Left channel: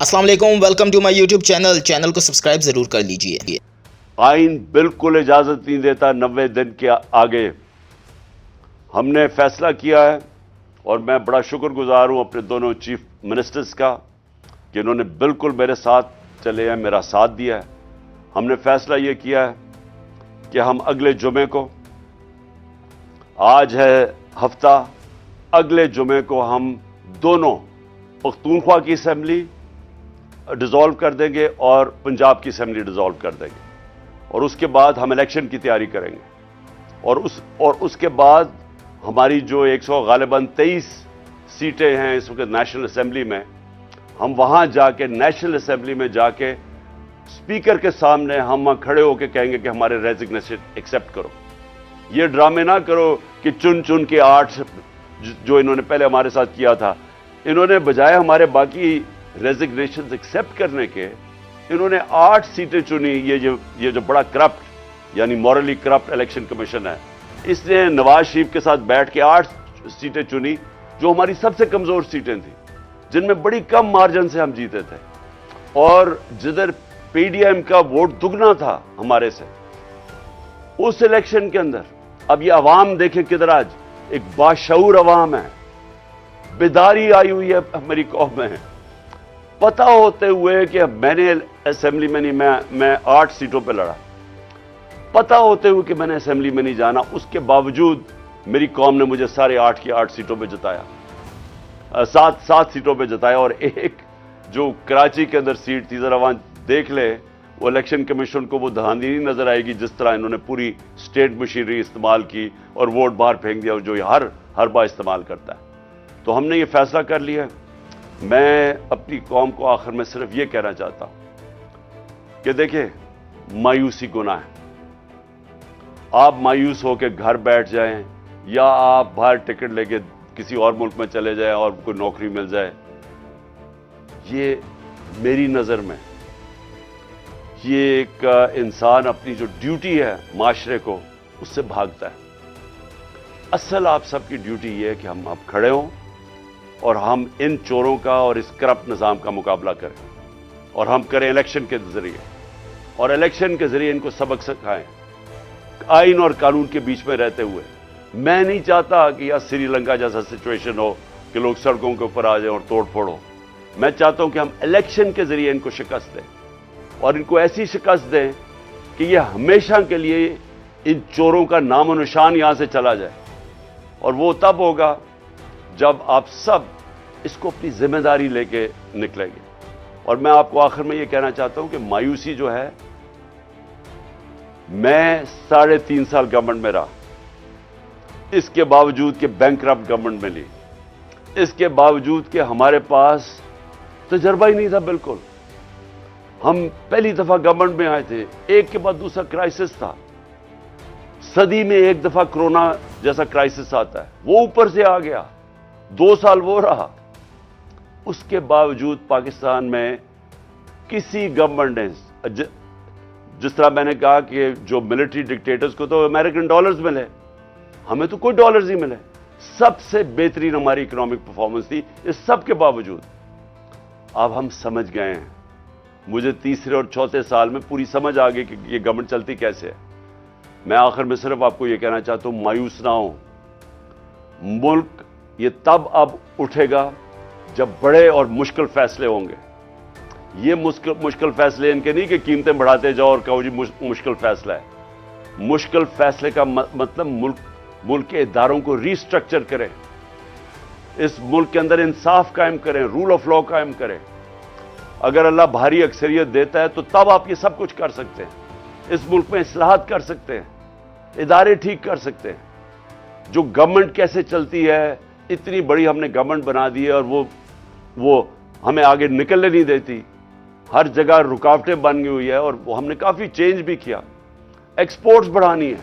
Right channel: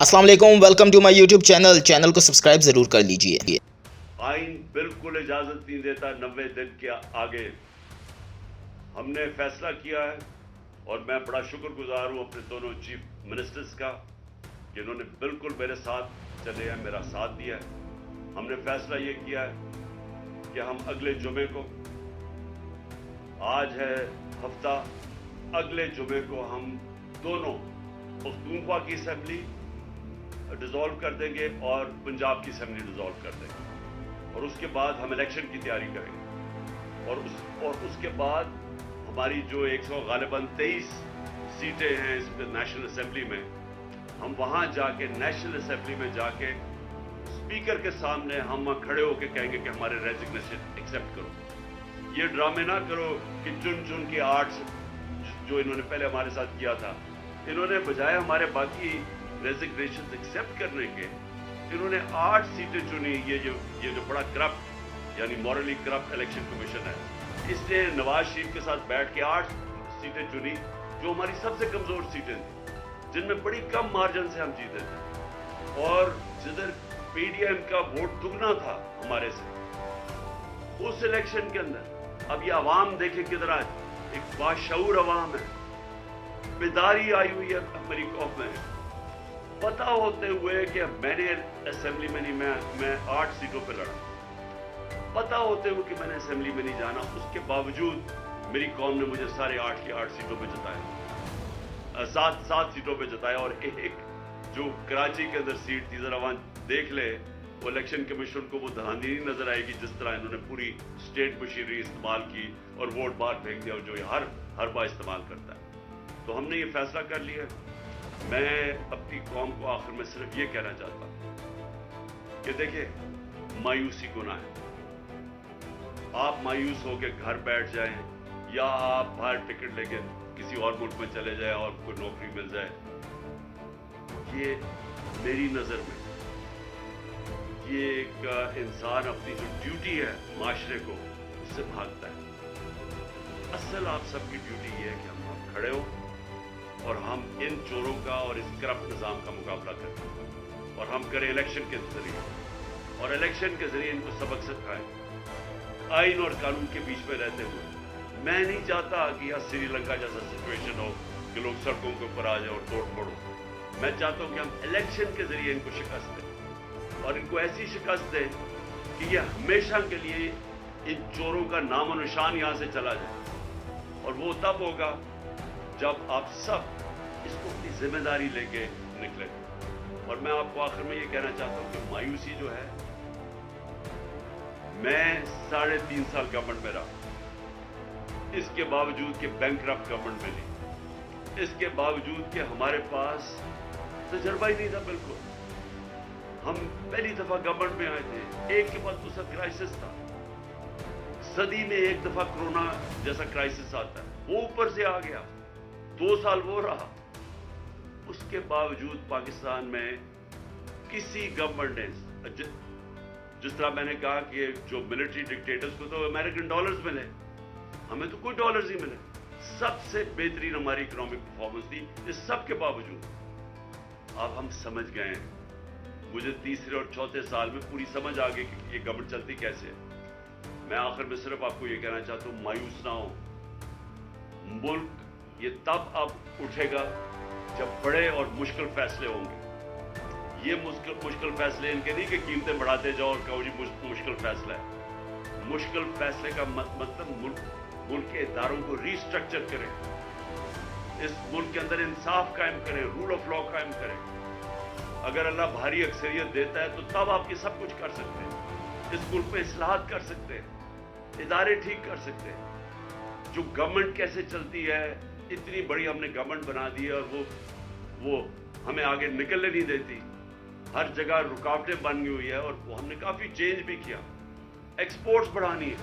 अस्सलाम वालेकुम, welcome to my YouTube channel को सब्सक्राइब ज़रूर कर लीजिए। आइन बिल्कुल इजाज़त नहीं देता 90 दिन के आगे। हमने फैसला किया है और मैं बड़ा शुक्रगुजार हूं अपने दोनों चीफ मिनिस्टर्स का कि इन्होंने बिल्कुल मेरे साथ चले हैं, मेरा साथ दिया है। हमने फैसला ये किया है कि हम अगले जुमे को, आज है हफ्ता, अगले जुमे को हम दोनों पख्तूनख्वा की असेंबली डिसॉल्व कर देंगे और पंजाब की असेंबली डिसॉल्व कर देंगे और उसके बाद हम इलेक्शन की तैयारी करेंगे और उसके बाद हमारी जो 100 गालिबन 23 सीटें हैं इस वक्त नेशनल असेंबली में, हम वहां जाके नेशनल असेंबली में जाके स्पीकर के सामने हम खड़े होकर कहेंगे कि हमारे रेजिग्नेशन एक्सेप्ट करो। ये ड्रामे ना करो कि चुन चुन के 8 जो इन्होंने पहले हमारे साथ किया था, इन्होंने बजाय हमारे बाकी रेजिग्नेशन एक्सेप्ट करने के, इन्होंने 8 सीटें चुनी। ये जो बड़ा करप्ट यानी मॉरली करप्ट इलेक्शन कमीशन है, इसने नवाज शरीफ के साथ बैठ के 8 सीटें चुनी जो हमारी सबसे कमजोर सीटें थी, जिनमें बड़ी कम मार्जिन से हम जीते थे और जिधर पीडीएम का वोट दुगना था हमारे से उस इलेक्शन के अंदर। अब ये अवाम देखें किधर, आज एक बाशऊर अवाम है, बेदारी आई हुई है हमारी कौम में। पता होते हुए कि मैंने असेंबली में नहीं, मैं 8 सीटों पे लड़ा, पता होते हुए कि मैंने असेंबली में नहीं जाना, उसके बावजूद मेरी कौम ने मुझे सारे 8 की 8 सीटों पे जिताया, 7 सीटों पे जिताया। और एक जो कराची के अंदर सीट थी, जरा वहां देख ले, वो इलेक्शन कमीशन को वो धांधली नहीं नजर आएगी जिस तरह इन्होंने पूरी स्टेट मशीनरी इस्तेमाल की और वोट बाहर फेंक दिया, जो हर बार इस्तेमाल करता है। तो हमने ये फैसला कर लिया। मैं अपनी कौम को आखिर में सिर्फ ये कहना चाहता हूं कि देखिए, मायूसी गुनाह है। आप मायूस होकर घर बैठ जाएं या आप बाहर टिकट लेके किसी और मुल्क में चले जाएं और कोई नौकरी मिल जाए, ये मेरी नजर में ये एक इंसान अपनी जो ड्यूटी है माशरे को, उससे भागता है। असल आप सबकी ड्यूटी ये है कि हम अब खड़े हों और हम इन चोरों का और इस करप्ट निज़ाम का मुकाबला करें और हम करें इलेक्शन के जरिए, और इलेक्शन के जरिए इनको सबक सिखाएं आइन और कानून के बीच में रहते हुए। मैं नहीं चाहता कि यह श्रीलंका जैसा सिचुएशन हो कि लोग सड़कों के ऊपर आ जाएं और तोड़ फोड़ हो। मैं चाहता हूं कि हम इलेक्शन के जरिए इनको शिकस्त दें और इनको ऐसी शिकस्त दें कि ये हमेशा के लिए इन चोरों का नामो निशान यहां से चला जाए। और वो तब होगा जब आप सब इसको अपनी जिम्मेदारी लेके निकलेंगे। और मैं आपको आखिर में ये कहना चाहता हूं कि मायूसी जो है, मैं 3.5 साल गवर्नमेंट में रहा, इसके बावजूद कि बैंकरप्ट गवर्नमेंट में ली, इसके बावजूद कि हमारे पास तजर्बा ही नहीं था बिल्कुल। हम पहली दफा गवर्नमेंट में आए थे, एक के बाद दूसरा क्राइसिस था। सदी में एक दफा कोरोना जैसा क्राइसिस आता है, वो ऊपर से आ गया, 2 साल वो रहा। उसके बावजूद पाकिस्तान में किसी गवर्नमेंट ने, जिस तरह मैंने कहा कि जो मिलिट्री डिक्टेटर्स को तो अमेरिकन डॉलर्स मिले, हमें तो कोई डॉलर्स ही मिले। सबसे बेहतरीन हमारी इकोनॉमिक परफॉर्मेंस थी। इस सब के बावजूद अब हम समझ गए हैं, मुझे तीसरे और चौथे साल में पूरी समझ आ गई कि ये गवर्नमेंट चलती कैसे है। मैं आखिर में सिर्फ आपको ये कहना चाहता हूं, मायूस ना हो। मुल्क ये तब अब उठेगा जब बड़े और मुश्किल फैसले होंगे। ये मुश्किल फैसले इनके नहीं कि कीमतें बढ़ाते जाओ और कहो जी मुश्किल फैसला है। मुश्किल फैसले का मतलब मुल्क के इदारों को रीस्ट्रक्चर करें, इस मुल्क के अंदर इंसाफ कायम करें, रूल ऑफ लॉ कायम करें। अगर अल्लाह भारी अक्सरियत देता है तो तब आप ये सब कुछ कर सकते हैं। इस मुल्क में इस्लाहात कर सकते हैं, इदारे ठीक कर सकते हैं। जो गवर्नमेंट कैसे चलती है, इतनी बड़ी हमने गवर्नमेंट बना दी है और वो हमें आगे निकलने नहीं देती। हर जगह रुकावटें बन गई हुई है और वो हमने काफी चेंज भी किया। एक्सपोर्ट्स बढ़ानी है,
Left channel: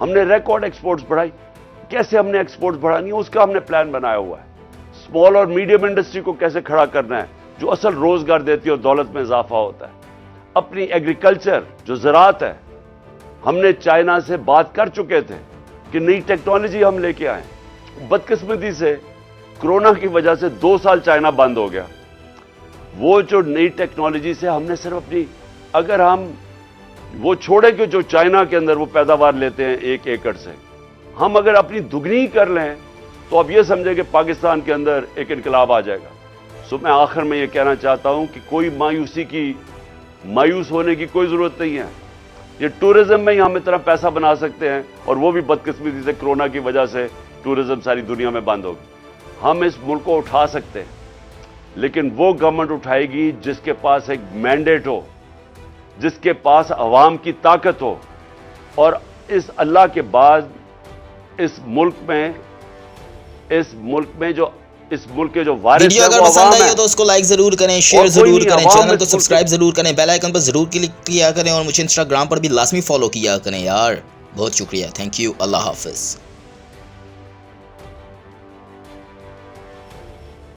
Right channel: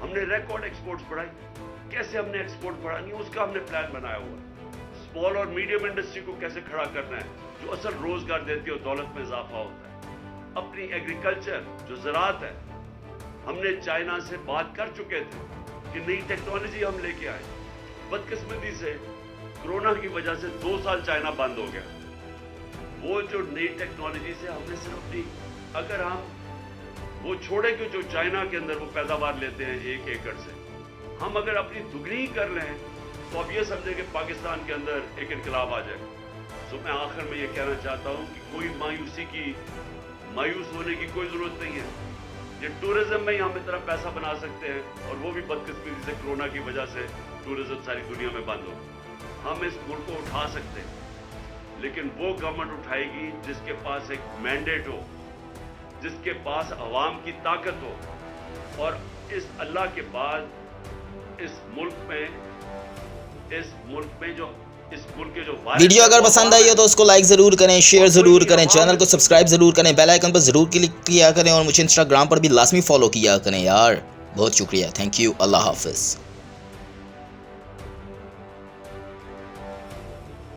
हमने रिकॉर्ड एक्सपोर्ट्स बढ़ाई। कैसे हमने एक्सपोर्ट्स बढ़ानी है, उसका हमने प्लान बनाया हुआ है। स्मॉल और मीडियम इंडस्ट्री को कैसे खड़ा करना है, जो असल रोजगार देती है और दौलत में इजाफा होता है। अपनी एग्रीकल्चर जो ज़राअत है, हमने चाइना से बात कर चुके थे कि नई टेक्नोलॉजी हम लेके आए। बदकिस्मती से कोरोना की वजह से 2 साल चाइना बंद हो गया। وہ جو نئی ٹیکنالوجی سے ہم نے صرف اپنی, اگر ہم وہ چھوڑیں کہ جو چائنا کے اندر وہ پیداوار لیتے ہیں 1 ایکڑ سے, ہم اگر اپنی دگنی کر لیں تو اب یہ سمجھیں کہ پاکستان کے اندر ایک انقلاب آ جائے گا. سو میں آخر میں یہ کہنا چاہتا ہوں کہ کوئی مایوس ہونے کی کوئی ضرورت نہیں ہے. یہ ٹورزم میں ہی ہم اتنا پیسہ بنا سکتے ہیں, اور وہ بھی بدقسمتی سے کرونا کی وجہ سے ٹورزم ساری دنیا میں بند ہوگی. ہم اس ملک کو اٹھا سکتے ہیں, لیکن وہ گورنمنٹ اٹھائے گی جس کے پاس ایک مینڈیٹ ہو, جس کے پاس عوام کی طاقت ہو. اور اس اللہ کے بعد اس ملک کے جو وارث ویڈیو اگر پسند آئی ہو تو اس کو لائک ضرور کریں, شیئر ضرور کریں, چینل کو سبسکرائب ضرور کریں, بیل آئیکن پر ضرور کلک کیا کریں, اور مجھے انسٹاگرام پر بھی لازمی فالو کیا کریں یار. بہت شکریہ, تھینک یو, اللہ حافظ.